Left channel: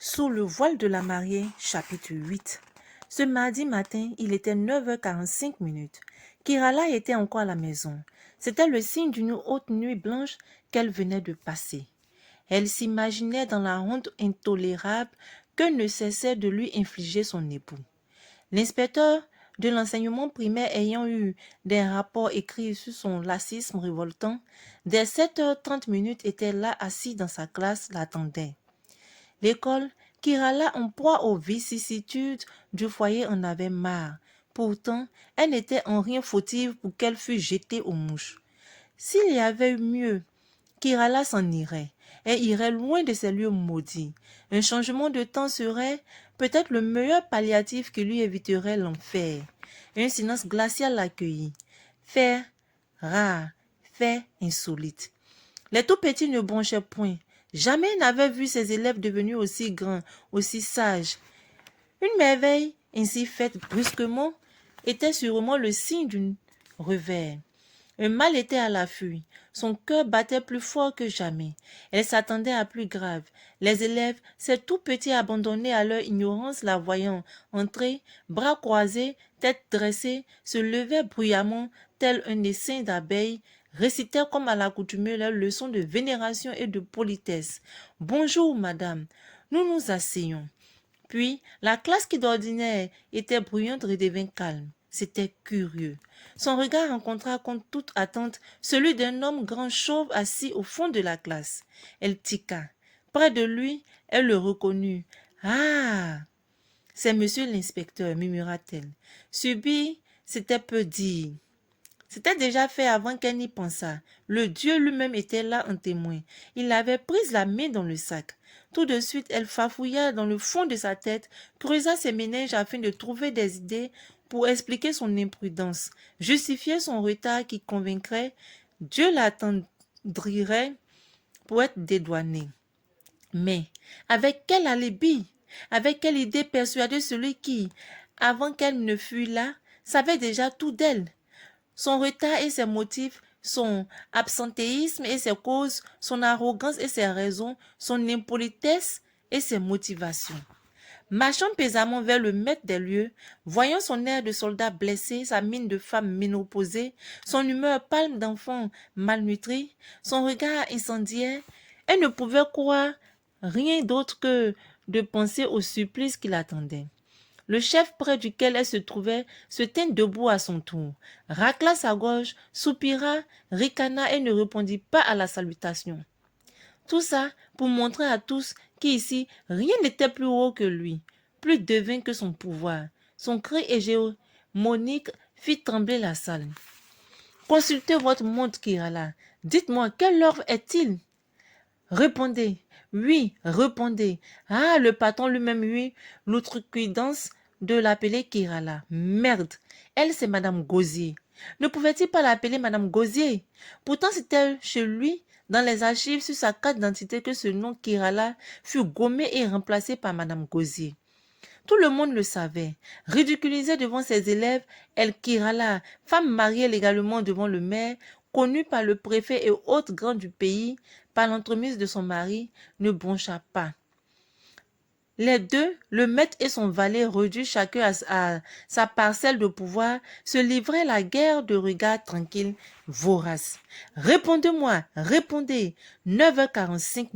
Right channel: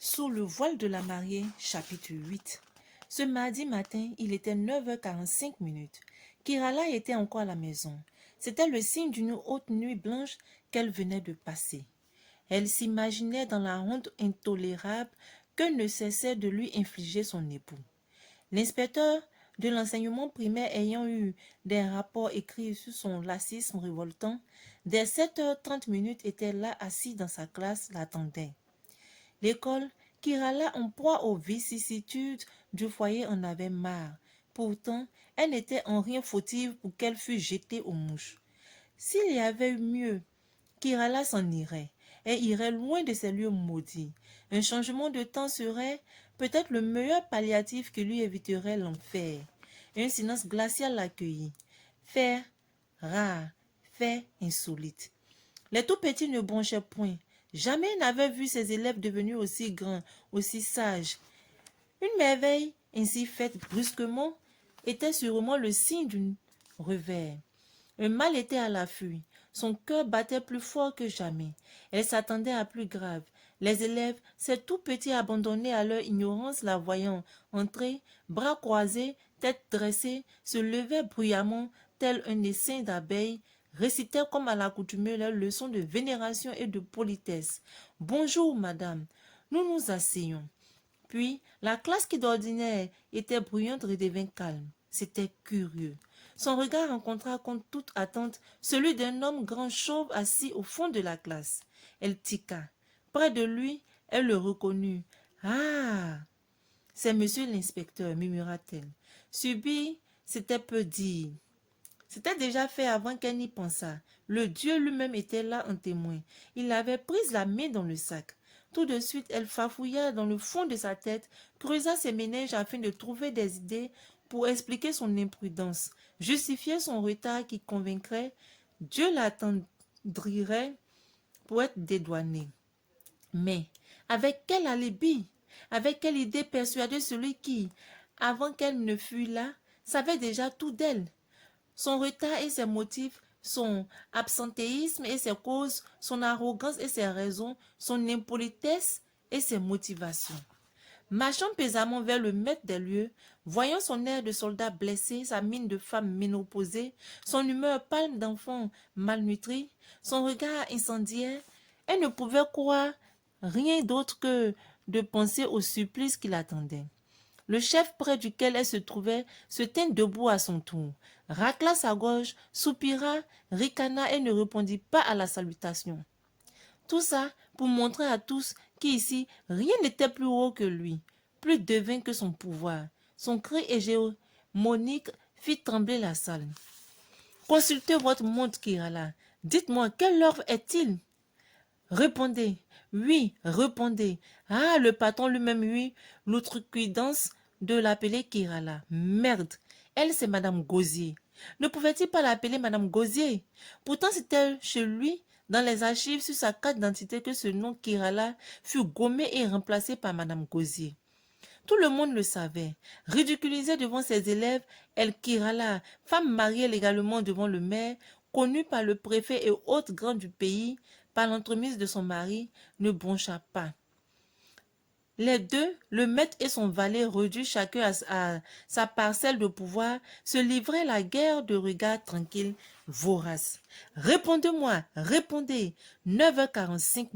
Sous le voile de la mariée, chapitre 8. Ce mardi matin, il était 9h45. Kirala était encore à la maison. C'était le signe d'une haute nuit blanche qu'elle venait de passer. Elle s'imaginait dans la honte intolérable que ne cessait de lui infliger son époux. L'inspecteur de l'enseignement primaire ayant eu des rapports écrits sur son lacisme révoltant, dès 7h30 était là assis dans sa classe, l'attendait. L'école, Kirala en proie aux vicissitudes du foyer en avait marre. Pourtant, elle n'était en rien fautive pour qu'elle fût jetée aux mouches. S'il y avait eu mieux, Kirala s'en irait et irait loin de ces lieux maudits. Un changement de temps serait peut-être le meilleur palliatif qui lui éviterait l'enfer. Un silence glacial l'accueillit. Fait rare, fait insolite. Les tout petits ne bronchaient point. Jamais n'avait vu ses élèves devenus aussi grands, aussi sages. Une merveille ainsi faite brusquement était sûrement le signe d'un revers. Un mal était à l'affût. Son cœur battait plus fort que jamais. Elle s'attendait à plus grave. Les élèves, ces tout petits abandonnés à leur ignorance, la voyant entrer, bras croisés, tête dressée, se levaient bruyamment, tel un essaim d'abeilles, récitèrent comme à l'accoutumée leurs leçons de vénération et de politesse. « Bonjour, madame. Nous nous asseyons. » Puis, la classe qui d'ordinaire était bruyante redevint calme. C'était curieux. Son regard rencontra contre toute attente celui d'un homme grand chauve assis au fond de la classe. Elle tiqua. Près de lui, elle le reconnut. « Ah, c'est monsieur l'inspecteur, murmura-t-elle. Subit, c'était peu dire. C'était déjà fait avant qu'elle n'y pensât. Le Dieu lui-même était là en témoin. Il avait pris la main dans le sac. Tout de suite, elle farfouilla dans le fond de sa tête, creusa ses méninges afin de trouver des idées pour expliquer son imprudence, justifier son retard qui convaincrait, Dieu l'attendrirait pour être dédouané. Mais avec quel alibi, avec quelle idée persuader celui qui, avant qu'elle ne fût là, savait déjà tout d'elle? Son retard et ses motifs, son absentéisme et ses causes, son arrogance et ses raisons, son impolitesse et ses motivations. Marchant pesamment vers le maître des lieux, voyant son air de soldat blessé, sa mine de femme ménopausée, son humeur pâle d'enfant malnutri, son regard incendiaire, elle ne pouvait croire rien d'autre que de penser au supplice qui l'attendait. Le chef près duquel elle se trouvait se tint debout à son tour, racla sa gorge, soupira, ricana et ne répondit pas à la salutation. Tout ça pour montrer à tous qu'ici, rien n'était plus haut que lui, plus divin que son pouvoir. Son cri hégémonique fit trembler la salle. « Consultez votre montre, Kirala. Dites-moi, quelle heure est-il » ? Répondez. Oui, répondez. Ah, le patron lui-même eut l'outrecuidance de l'appeler Kirala. Merde, elle c'est Madame Gosier. Ne pouvait-il pas l'appeler Madame Gosier? Pourtant c'était chez lui, dans les archives sur sa carte d'identité, que ce nom Kirala fut gommé et remplacé par Madame Gosier. Tout le monde le savait. Ridiculisée devant ses élèves, elle Kirala, femme mariée légalement devant le maire, connue par le préfet et autres grands du pays, par l'entremise de son mari, ne broncha pas. Les deux, le maître et son valet, réduits chacun à sa parcelle de pouvoir, se livraient la guerre de regards tranquilles, voraces. « Répondez-moi, répondez !» 9h45.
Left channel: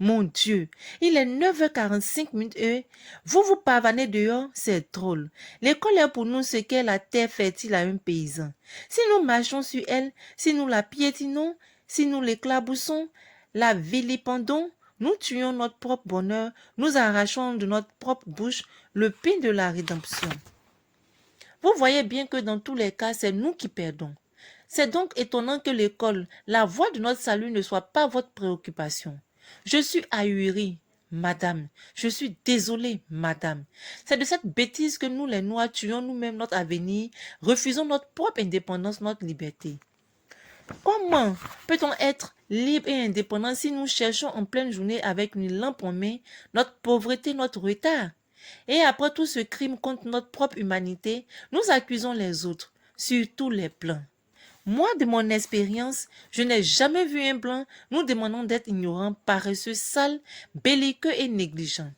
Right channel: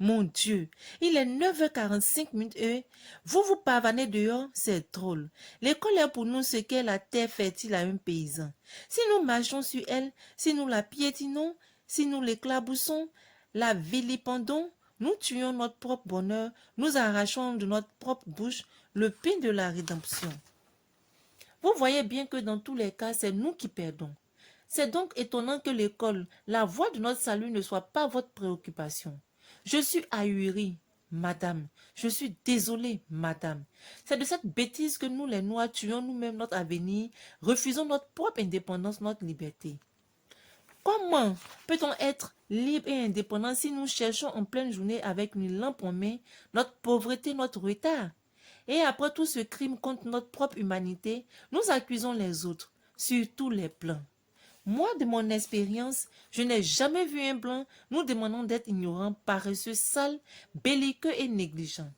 Mon Dieu, il est 9h45 et vous vous pavanez dehors, c'est drôle. L'école est pour nous ce qu'est la terre fertile à un paysan. Si nous marchons sur elle, si nous la piétinons, si nous l'éclaboussons, la vilipendons, nous tuons notre propre bonheur, nous arrachons de notre propre bouche le pain de la rédemption. Vous voyez bien que dans tous les cas, c'est nous qui perdons. C'est donc étonnant que l'école, la voie de notre salut, ne soit pas votre préoccupation. Je suis ahurie, madame. Je suis désolée, madame. C'est de cette bêtise que nous, les Noirs, tuons nous-mêmes notre avenir, refusons notre propre indépendance, notre liberté. Comment peut-on être libre et indépendant si nous cherchons en pleine journée avec une lampe en main notre pauvreté, notre retard? Et après tout ce crime contre notre propre humanité, nous accusons les autres, sur tous les plans. Moi, de mon expérience, je n'ai jamais vu un blanc nous demandant d'être ignorant, paresseux, sale, belliqueux et négligent.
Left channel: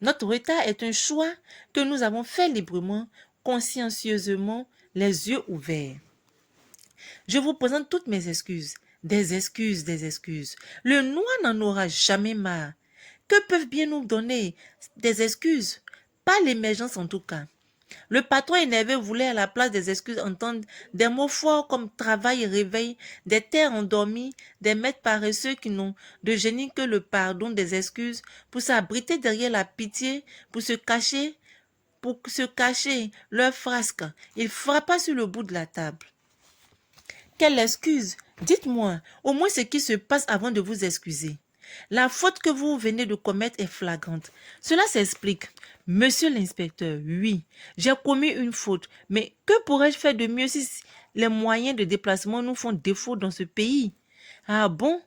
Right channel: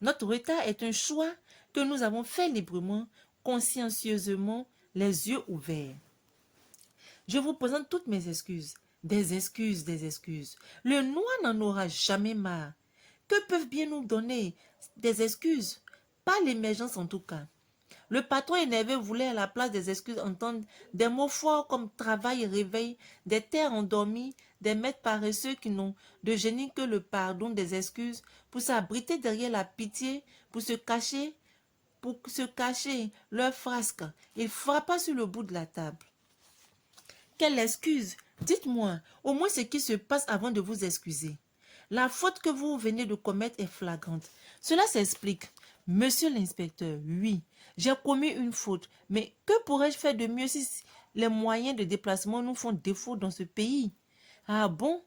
Notre retard est un choix que nous avons fait librement, consciencieusement, les yeux ouverts. Je vous présente toutes mes excuses. Des excuses, des excuses. Le noir n'en aura jamais marre. Que peuvent bien nous donner des excuses? Pas l'émergence en tout cas. Le patron énervé voulait à la place des excuses entendre des mots forts comme travail et réveil, des terres endormies, des maîtres paresseux qui n'ont de génie que le pardon des excuses pour s'abriter derrière la pitié, pour se cacher leur frasque. Il frappa sur le bout de la table. Quelle excuse? Dites-moi au moins ce qui se passe avant de vous excuser. La faute que vous venez de commettre est flagrante. Cela s'explique. Monsieur l'inspecteur, oui, j'ai commis une faute, mais que pourrais-je faire de mieux si les moyens de déplacement nous font défaut dans ce pays? Ah bon?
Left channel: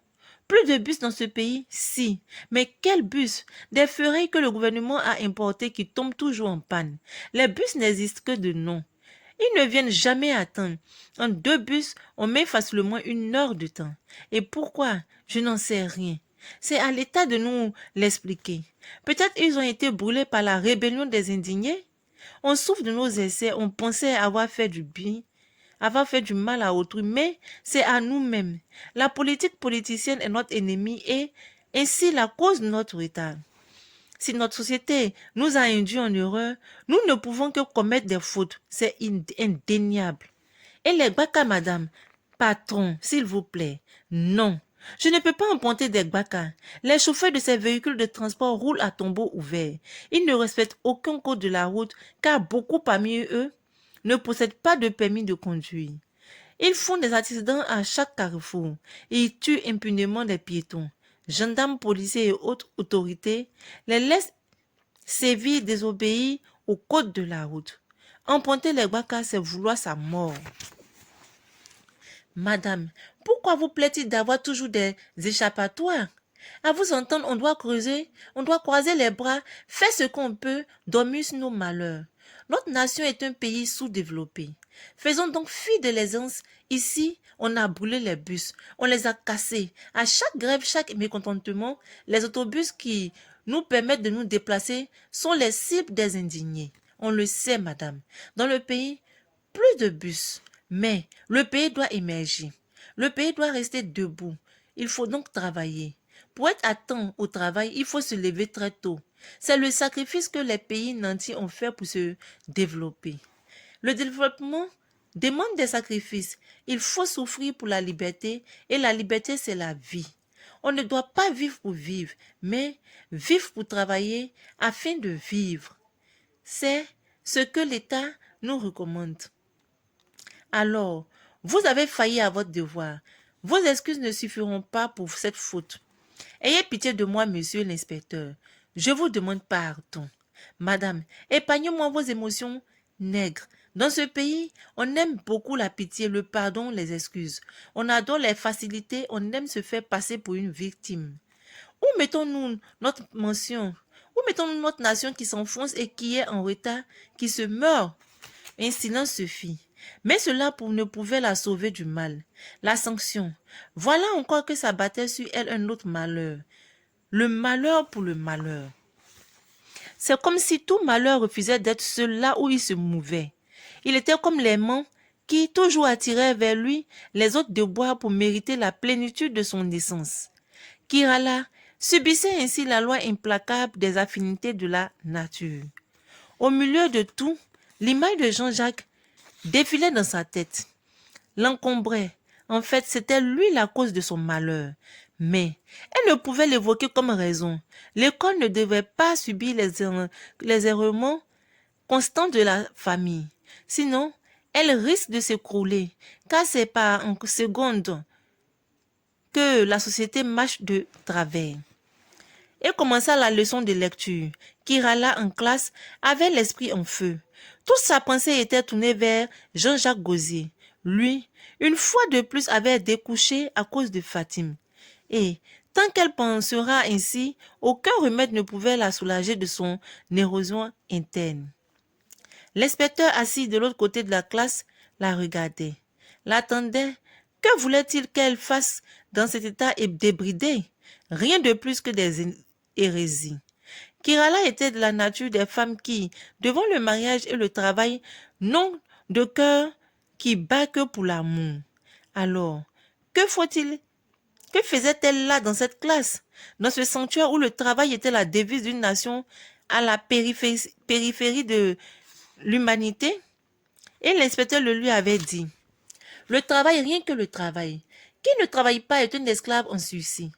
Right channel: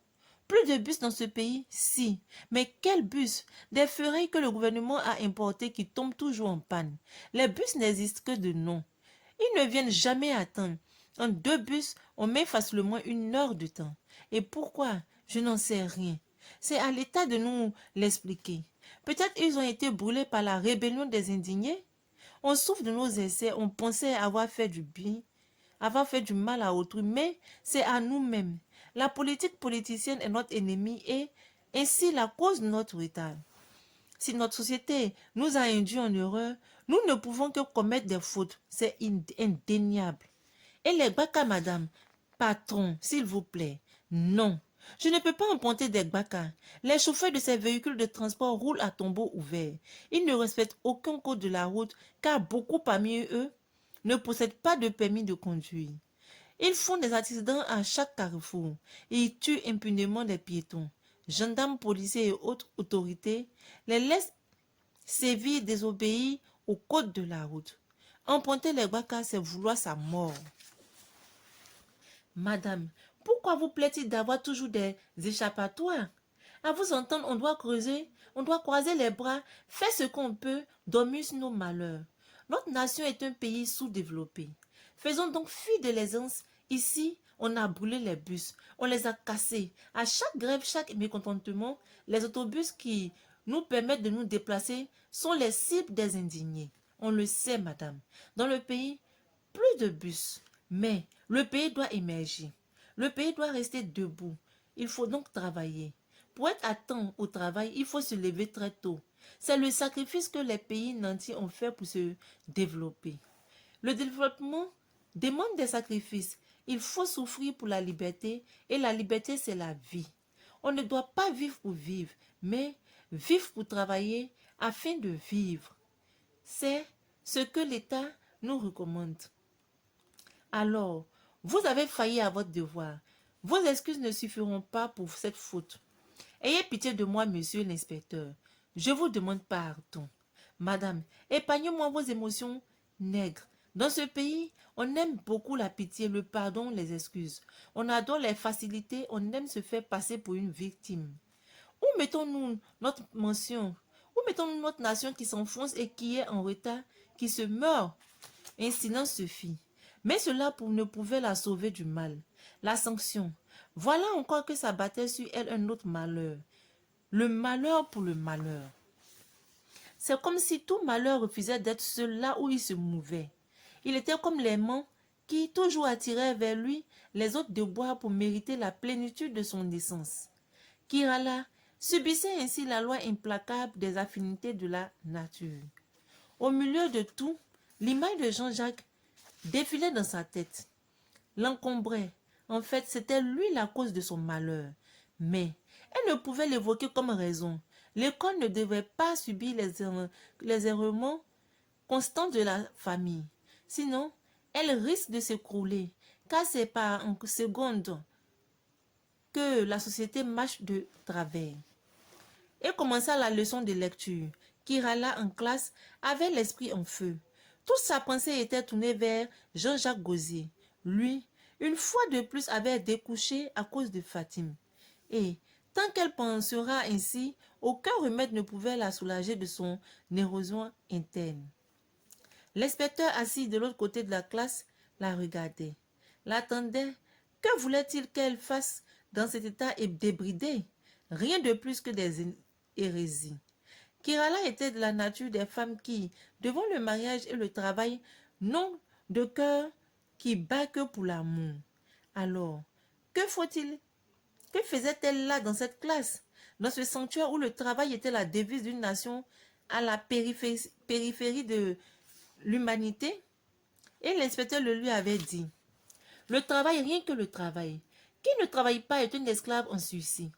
Plus de bus dans ce pays? Si. Mais quel bus? Des ferries que le gouvernement a importés qui tombent toujours en panne. Les bus n'existent que de nom. Ils ne viennent jamais à temps. En 2 bus, on met facilement 1 heure de temps. Et pourquoi? Je n'en sais rien. C'est à l'État de nous l'expliquer. Peut-être ils ont été brûlés par la rébellion des indignés. On souffre de nos essais, on pensait avoir fait du bien, avoir fait du mal à autrui, mais c'est à nous-mêmes. La politique politicienne est notre ennemi et ainsi la cause de notre retard. Si notre société nous a induits en erreur, nous ne pouvons que commettre des fautes. C'est indéniable. Et les gbaka, madame, patron, s'il vous plaît, non. Je ne peux pas emprunter des gbaka. Les chauffeurs de ces véhicules de transport roulent à tombeau ouvert. Ils ne respectent aucun code de la route car beaucoup parmi eux ne possèdent pas de permis de conduire. Ils font des accidents à chaque carrefour et ils tuent impunément les piétons. Gendarmes, policiers et autres autorités les laissent sévir, désobéir au code de la route. Emprunter les gbaka, c'est vouloir sa mort. Madame, pourquoi vous plaît-il d'avoir toujours des échappatoires? À vous entendre, on doit creuser, on doit croiser les bras, faire ce qu'on peut, dormir sur nos malheurs. Notre nation est un pays sous-développé. Faisons donc fi de l'aisance. Ici, on a brûlé les bus, on les a cassés. À chaque grève, chaque mécontentement, les autobus qui nous permettent de nous déplacer sont les cibles des indignés. On le sait, madame. Dans le pays, plus de bus. Mais le pays doit émerger. Le pays doit rester debout. Il faut donc travailler. Pour être à temps au travail, il faut se lever très tôt. C'est le sacrifice que les pays nantis ont fait pour se développer. Le développement demande des sacrifices. Il faut souffrir pour la liberté et la liberté, c'est la vie. On ne doit pas vivre pour vivre, mais vivre pour travailler afin de vivre. C'est ce que l'État nous recommande. Alors, vous avez failli à votre devoir. Vos excuses ne suffiront pas pour cette faute. Ayez pitié de moi, monsieur l'inspecteur. Je vous demande pardon. Madame, épargnez-moi vos émotions nègres. Dans ce pays, on aime beaucoup la pitié, le pardon, les excuses. On adore les facilités, on aime se faire passer pour une victime. Où mettons-nous notre mention? Où mettons-nous notre nation qui s'enfonce et qui est en retard, qui se meurt? Un silence se fit. Mais cela ne pouvait la sauver du mal. La sanction. Voilà encore que s'abattait sur elle un autre malheur. Le malheur pour le malheur. C'est comme si tout malheur refusait d'être seul là où il se mouvait. Il était comme l'aimant qui toujours attirait vers lui les autres de bois pour mériter la plénitude de son essence. Kirala subissait ainsi la loi implacable des affinités de la nature. Au milieu de tout, l'image de Jean-Jacques défilait dans sa tête, l'encombrait. En fait, c'était lui la cause de son malheur. Mais elle ne pouvait l'évoquer comme raison. L'école ne devait pas subir les errements constants de la famille. Sinon, elle risque de s'écrouler, car c'est par en seconde que la société marche de travers. Et commença la leçon de lecture. Kirala en classe avait l'esprit en feu. Toute sa pensée était tournée vers Jean-Jacques Gaultier. Lui, une fois de plus, avait découché à cause de Fatime. Et, tant qu'elle pensera ainsi, aucun remède ne pouvait la soulager de son érosion interne. L'inspecteur assis de l'autre côté de la classe la regardait. l'attendait. Que voulait-il qu'elle fasse dans cet état débridé? Rien de plus que des hérésies. Kirala était de la nature des femmes qui, devant le mariage et le travail, n'ont de cœur qui bat que pour l'amour. Alors, que faut-il? Que faisait-elle là dans cette classe, dans ce sanctuaire où le travail était la devise d'une nation à la périphérie de l'humanité? Et l'inspecteur le lui avait dit, le travail, rien que le travail. Qui ne travaille pas est un esclave en sursis.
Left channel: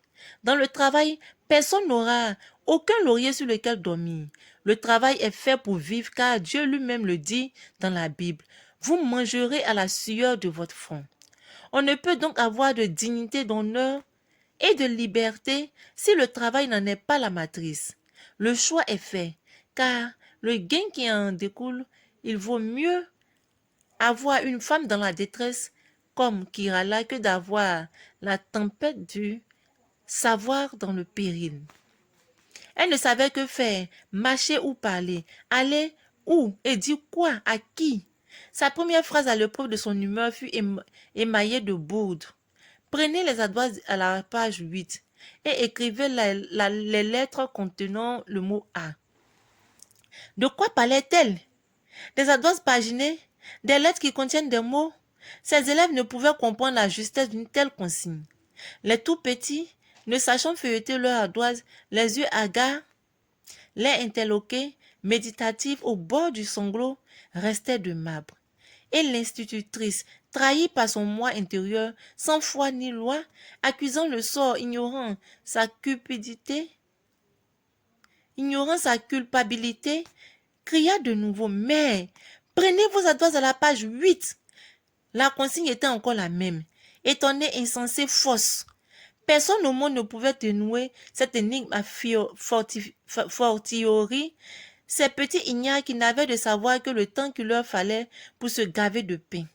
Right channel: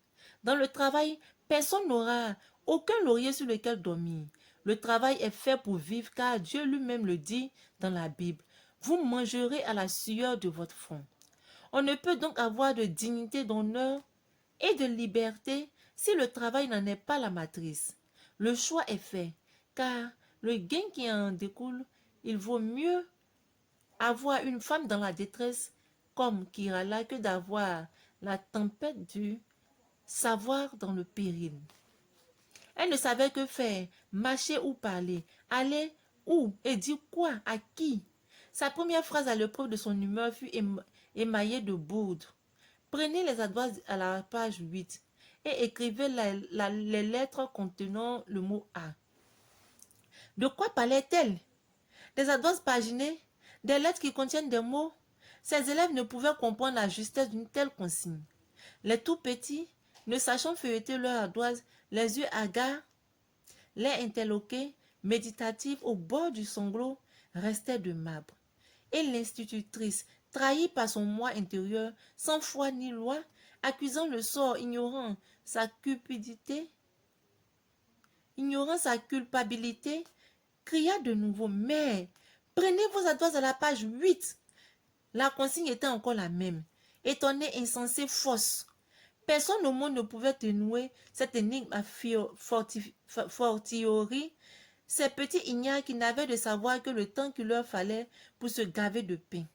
Dans le travail, personne n'aura aucun laurier sur lequel dormir. Le travail est fait pour vivre car Dieu lui-même le dit dans la Bible. Vous mangerez à la sueur de votre front. On ne peut donc avoir de dignité, d'honneur et de liberté si le travail n'en est pas la matrice. Le choix est fait, car le gain qui en découle, il vaut mieux avoir une femme dans la détresse comme Kirala que d'avoir la tempête du savoir dans le péril. Elle ne savait que faire, marcher ou parler, aller où et dire quoi, à qui. Sa première phrase à l'épreuve de son humeur fut émaillée de bourdes. Prenez les adresses à la page 8 et écrivez les lettres contenant le mot A. De quoi parlait-elle? Des adresses paginées, des lettres qui contiennent des mots. Ses élèves ne pouvaient comprendre la justesse d'une telle consigne. Les tout petits, ne sachant feuilleter leur ardoise, les yeux hagards, les interloqués, méditatifs au bord du sanglot, restaient de marbre. Et l'institutrice, trahie par son moi intérieur, sans foi ni loi, accusant le sort, ignorant sa culpabilité, cria de nouveau, mais prenez vos adresses à la page 8. La consigne était encore la même. Étonnée, insensée, fausse. Personne au monde ne pouvait dénouer cette énigme à fortiori, ces petits ignares qui n'avaient de savoir que le temps qu'il leur fallait pour se gaver de pain.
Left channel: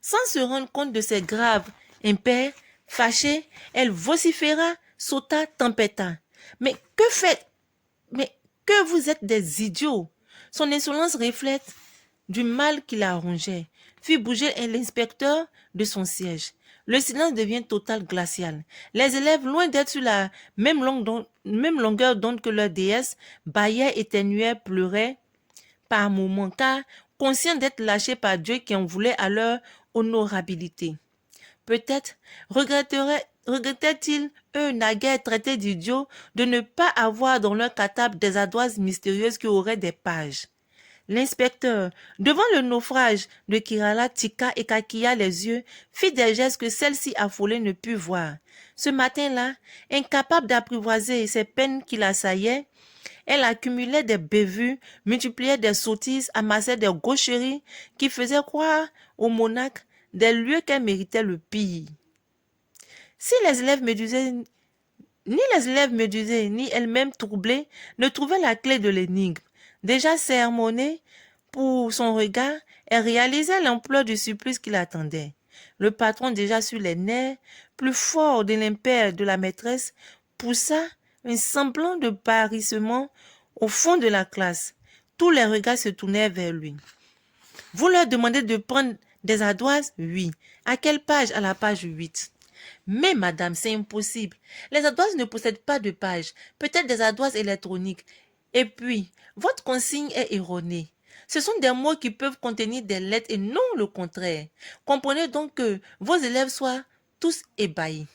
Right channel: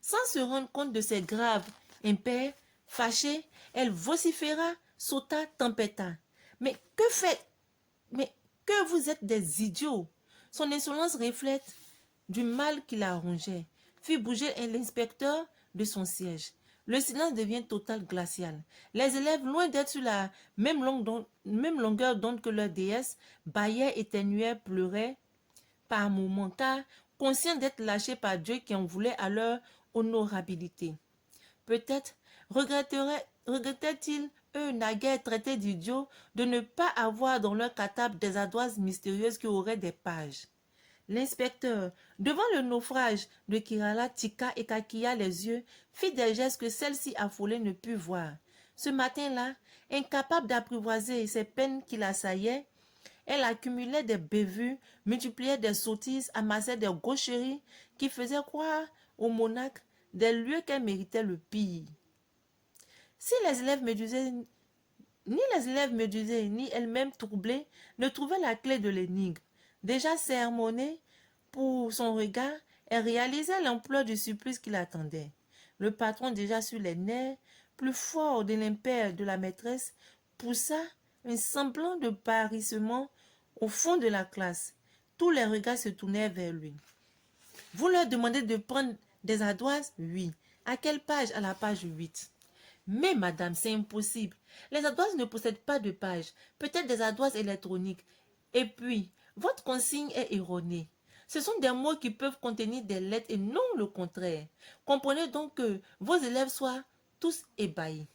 Sans se rendre compte de ces graves impairs, fâchée, elle vociféra, sauta, tempêta. Mais que faites? Mais que vous êtes des idiots! Son insolence reflète du mal qui la rongeait, fit bouger l'inspecteur de son siège. Le silence devient total, glacial. Les élèves, loin d'être sur la même longueur d'onde que leur déesse, bâillaient, éternuaient, pleuraient par moments, car conscients d'être lâchés par Dieu qui en voulait à leur honorabilité. Peut-être regrettaient-ils, eux naguère traités d'idiots, de ne pas avoir dans leur catable des ardoises mystérieuses qui auraient des pages. L'inspecteur, devant le naufrage de Kirala, tiqua et kaki les yeux, fit des gestes que celle-ci affolée ne put voir. Ce matin-là, incapable d'apprivoiser ces peines qui l'assaillaient, elle accumulait des bévues, multipliait des sottises, amassait des gaucheries qui faisaient croire aux monarques des lieux qu'elle méritait le pire. Si les élèves médusés, ni elle-même troublée, ne trouvaient la clé de l'énigme, déjà sermonnée pour son regard, elle réalisait l'ampleur du supplice qui l'attendait. Le patron, déjà sur les nerfs, plus fort de l'impair de la maîtresse, poussa un semblant de parissement au fond de la classe. Tous les regards se tournèrent vers lui. Vous leur demandez de prendre des ardoises? Oui. À quelle page? À la page 8. Mais madame, c'est impossible. Les ardoises ne possèdent pas de page. Peut-être des ardoises électroniques. Et puis, votre consigne est erronée. Ce sont des mots qui peuvent contenir des lettres et non le contraire. Comprenez donc que vos élèves soient tous ébahis.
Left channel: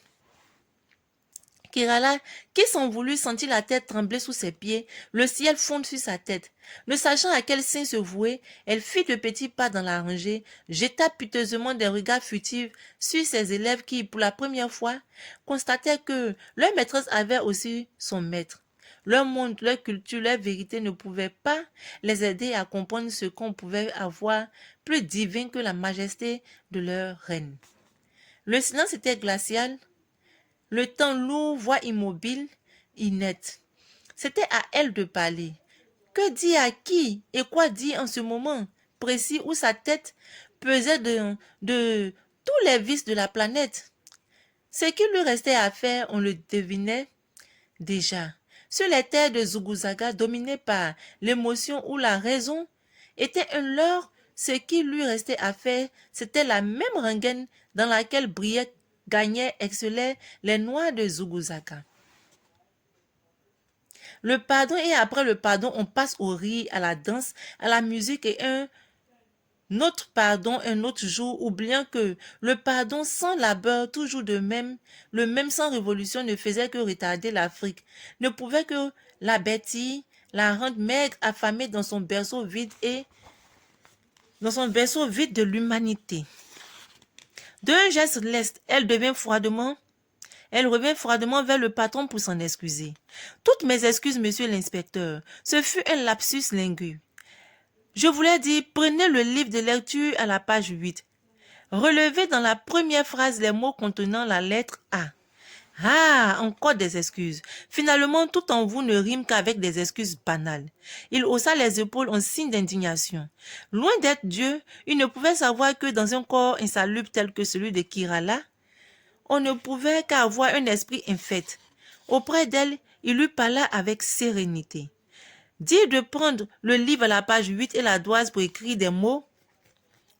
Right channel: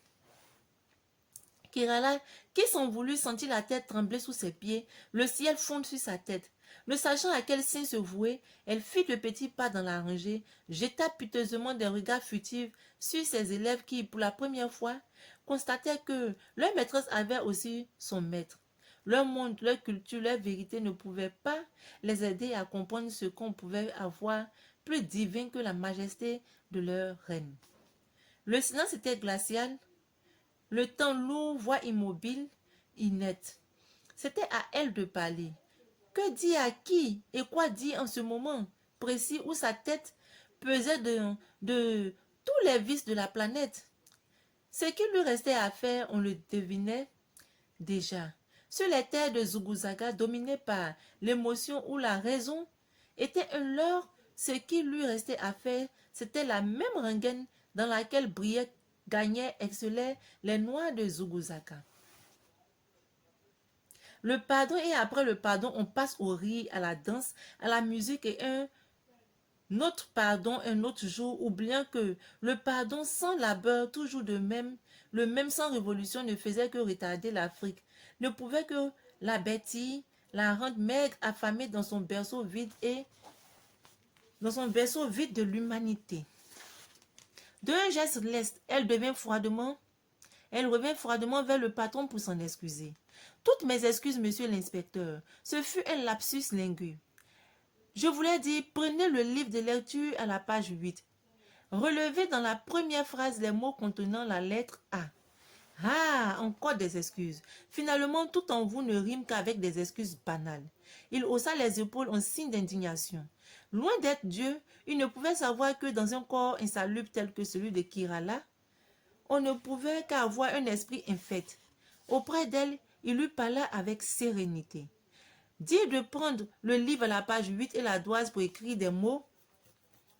Kirala, qui s'en voulut, sentit la terre trembler sous ses pieds, le ciel fondre sur sa tête. Ne sachant à quel sein se vouer, elle fit de petits pas dans la rangée, jeta piteusement des regards furtifs sur ses élèves qui, pour la première fois, constatèrent que leur maîtresse avait aussi son maître. Leur monde, leur culture, leur vérité ne pouvaient pas les aider à comprendre ce qu'on pouvait avoir plus divin que la majesté de leur reine. Le silence était glacial. Le temps lourd, voix immobile, inerte. C'était à elle de parler. Que dire à qui et quoi dire en ce moment précis où sa tête pesait de tous les vices de la planète? Ce qu'il lui restait à faire, on le devinait déjà. Sur les terres de Zuguzaga, dominées par l'émotion ou la raison, était un leurre ce qui lui restait à faire, c'était la même rengaine dans laquelle brillaient, gagnaient, excellaient les Noirs de Zuguzaka. Le pardon et après le pardon, on passe au rire, à la danse, à la musique et notre pardon un autre jour, oubliant que le pardon sans labeur, toujours de même, le même sans révolution ne faisait que retarder l'Afrique, ne pouvait que la bâtir, la rendre maigre, affamée dans son berceau vide de l'humanité. D'un geste leste, elle revint froidement vers le patron pour s'en excuser. Toutes mes excuses, monsieur l'inspecteur, ce fut un lapsus linguï. Je voulais dire, prenez le livre de lecture à la page 8. Relevez dans la première phrase les mots contenant la lettre A. Ah, encore des excuses. Finalement, tout en vous ne rime qu'avec des excuses banales. Il haussa les épaules en signe d'indignation. Loin d'être Dieu, il ne pouvait savoir que dans un corps insalubre tel que celui de Kirala, on ne pouvait qu'avoir un esprit infect. Auprès d'elle, il lui parla avec sérénité. Dire de prendre le livre à la page 8 et la doise pour écrire des mots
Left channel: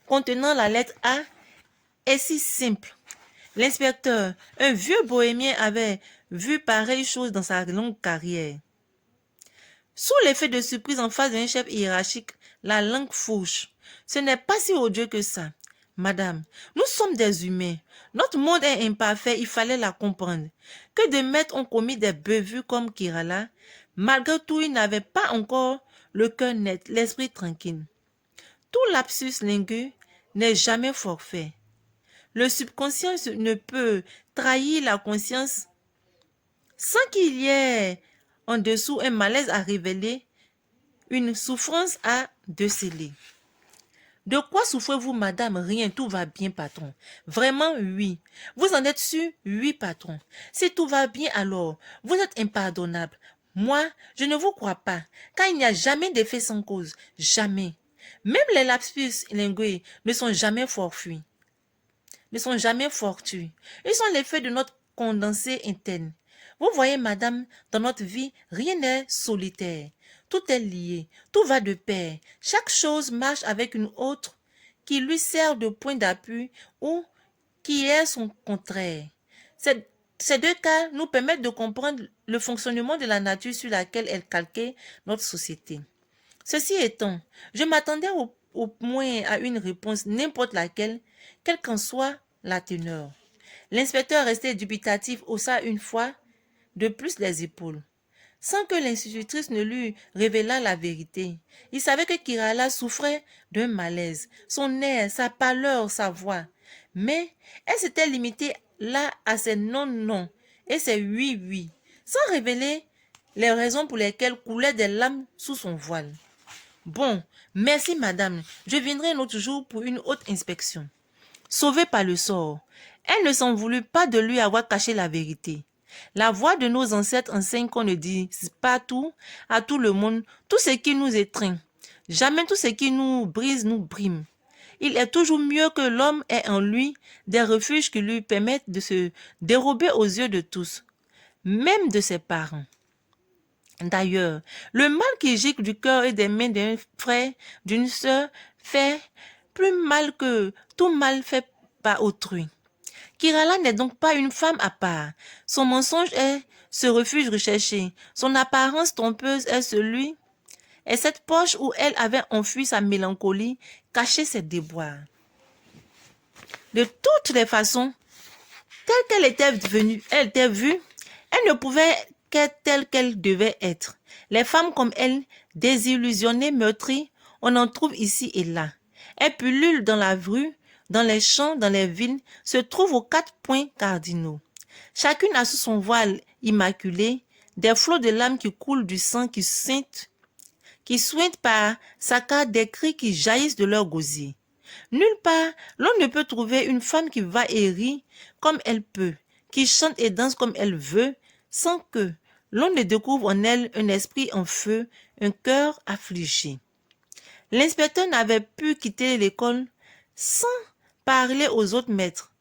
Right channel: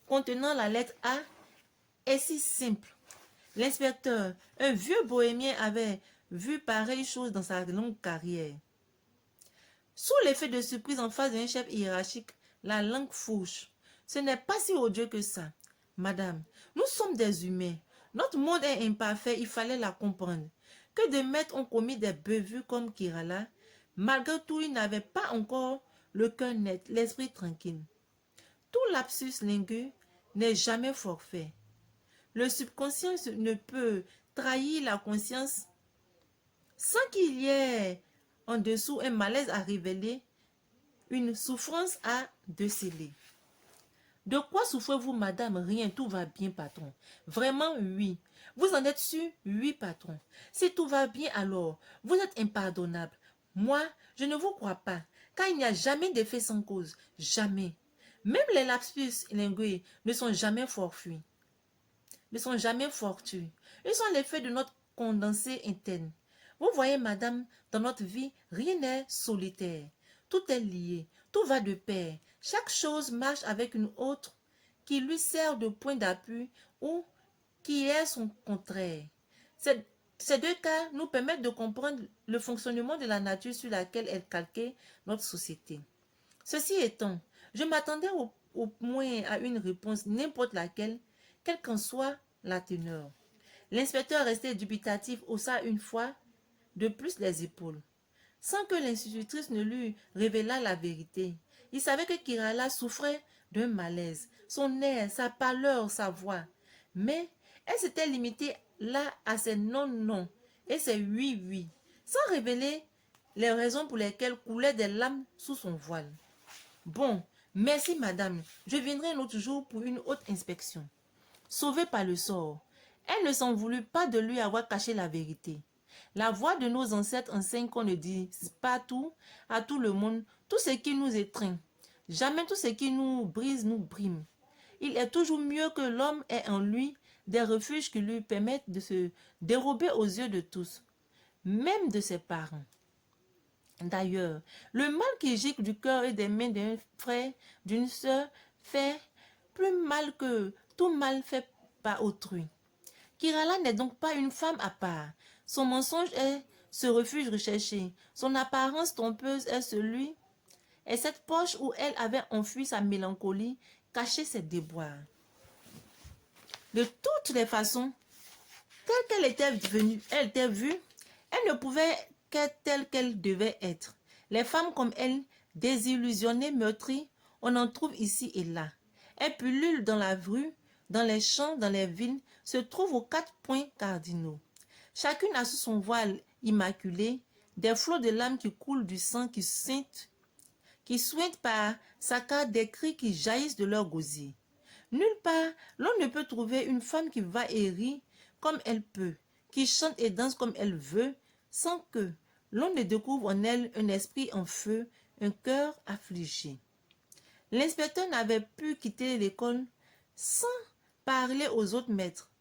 contenant la lettre A est si simple. L'inspecteur, un vieux bohémien, avait vu pareille chose dans sa longue carrière. Sous l'effet de surprise en face d'un chef hiérarchique, la langue fourche. Ce n'est pas si odieux que ça. Madame, nous sommes des humains. Notre monde est imparfait, il fallait la comprendre. Que de maîtres ont commis des bévues comme Kirala. Malgré tout, il n'avait pas encore le cœur net, l'esprit tranquille. Tout lapsus linguï n'est jamais forfait. Le subconscient ne peut trahir la conscience sans qu'il y ait en dessous un malaise à révéler, une souffrance à déceler. De quoi souffrez-vous, madame? Rien, tout va bien, patron. Vraiment, oui. Vous en êtes sûr? Oui, patron. Si tout va bien, alors, vous êtes impardonnable. Moi, je ne vous crois pas, car il n'y a jamais d'effet sans cause. Jamais. Même les lapsus linguï ne sont jamais fortuits. Ils sont l'effet de notre condensé interne. Vous voyez, madame, dans notre vie, rien n'est solitaire. Tout est lié, tout va de pair. Chaque chose marche avec une autre qui lui sert de point d'appui ou qui est son contraire. Ces deux cas nous permettent de comprendre le fonctionnement de la nature sur laquelle est calquée notre société. Ceci étant, je m'attendais au moins à une réponse, n'importe laquelle, quelle qu'en soit la teneur. L'inspecteur resté dubitatif haussa une fois de plus les épaules, sans que l'institutrice ne lui révélât la vérité. Il savait que Kirala souffrait d'un malaise, son air, sa pâleur, sa voix. Mais elle s'était limitée là à ses non-non et ses oui-oui, sans révéler les raisons pour lesquelles coulaient des larmes sous son voile. Bon, merci madame, je viendrai un autre jour pour une autre inspection. Sauvée par le sort, elle ne s'en voulut pas de lui avoir caché la vérité. La voix de nos ancêtres enseigne qu'on ne dise pas tout à tout le monde, tout ce qui nous étreint. Jamais tout ce qui nous brise nous brime. Il est toujours mieux que l'homme ait en lui des refuges qui lui permettent de se dérober aux yeux de tous, même de ses parents. D'ailleurs, le mal qui gicle du cœur et des mains d'un frère, d'une sœur, fait plus mal que tout mal fait par autrui. Kirala n'est donc pas une femme à part. Son mensonge est ce refuge recherché. Son apparence trompeuse est cette poche où elle avait enfui sa mélancolie, caché ses déboires. De toutes les façons, telle qu'elle était venue, elle était vue, elle ne pouvait qu'être telle qu'elle devait être. Les femmes comme elle, désillusionnées, meurtries, on en trouve ici et là. Elles pullulent dans la rue, dans les champs, dans les villes, se trouvent aux 4 points cardinaux. Chacune a sous son voile immaculé des flots de larmes qui coulent du sang qui suintent par saccades des cris qui jaillissent de leur gosier. Nulle part, l'on ne peut trouver une femme qui va et rit comme elle peut, qui chante et danse comme elle veut, sans que l'on ne découvre en elle un esprit en feu, un cœur affligé. L'inspecteur n'avait pu quitter l'école sans parler aux autres maîtres,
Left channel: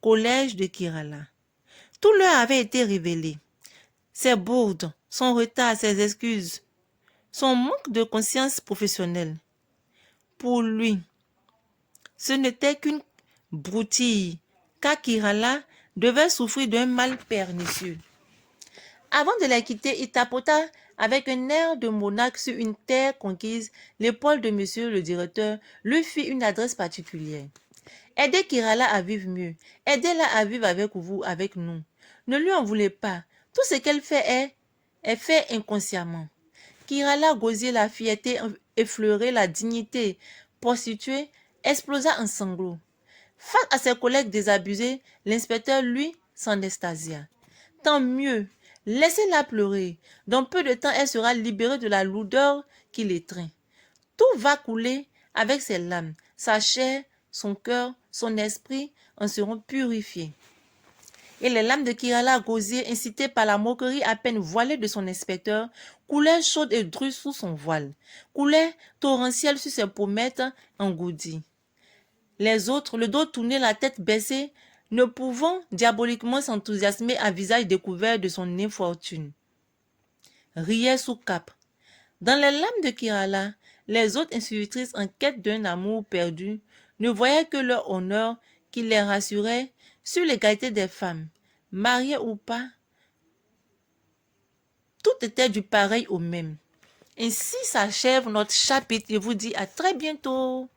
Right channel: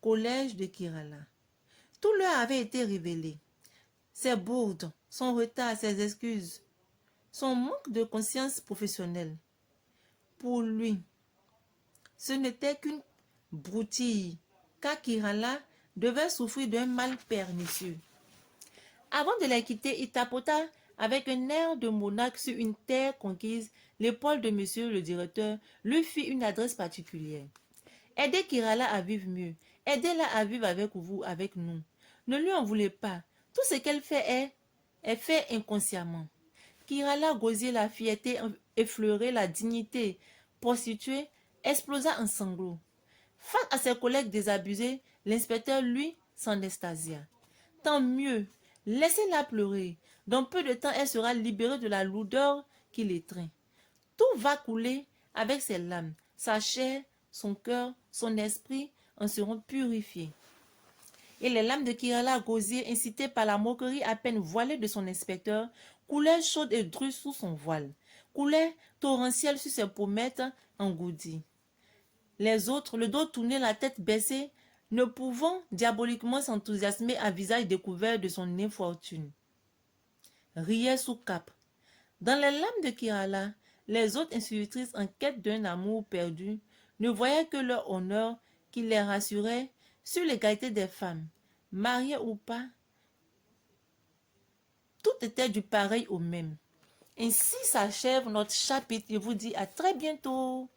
collège de Kirala. Tout leur avait été révélé. Ses bourdes, son retard, ses excuses, son manque de conscience professionnelle. Pour lui, ce n'était qu'une broutille, car Kirala devait souffrir d'un mal pernicieux. Avant de la quitter, il tapota avec un air de monarque sur une terre conquise. L'épaule de monsieur le directeur lui fit une adresse particulière. Aidez Kirala à vivre mieux. Aidez-la à vivre avec vous, avec nous. Ne lui en voulez pas. Tout ce qu'elle fait est fait inconsciemment. Kirala Gosier, la fierté effleurée, la dignité prostituée, explosa en sanglots. Face à ses collègues désabusés, l'inspecteur, lui, s'en extasia. Tant mieux, laissez-la pleurer. Dans peu de temps, elle sera libérée de la lourdeur qui l'étreint. Tout va couler avec ses larmes. Sa chair, son cœur, son esprit en seront purifiés. Et les larmes de Kirala Gosier, incitées par la moquerie à peine voilée de son inspecteur, coulaient chaudes et drues sous son voile, coulaient torrentielles sur ses pommettes engourdies. Les autres, le dos tourné, la tête baissée, ne pouvant diaboliquement s'enthousiasmer à visage découvert de son infortune, riaient sous cape. Dans les larmes de Kirala, les autres institutrices en quête d'un amour perdu ne voyaient que leur honneur qui les rassurait sur l'égalité des femmes, mariées ou pas. Tout était du pareil au même. Ainsi s'achève notre chapitre. Je vous dis à très bientôt.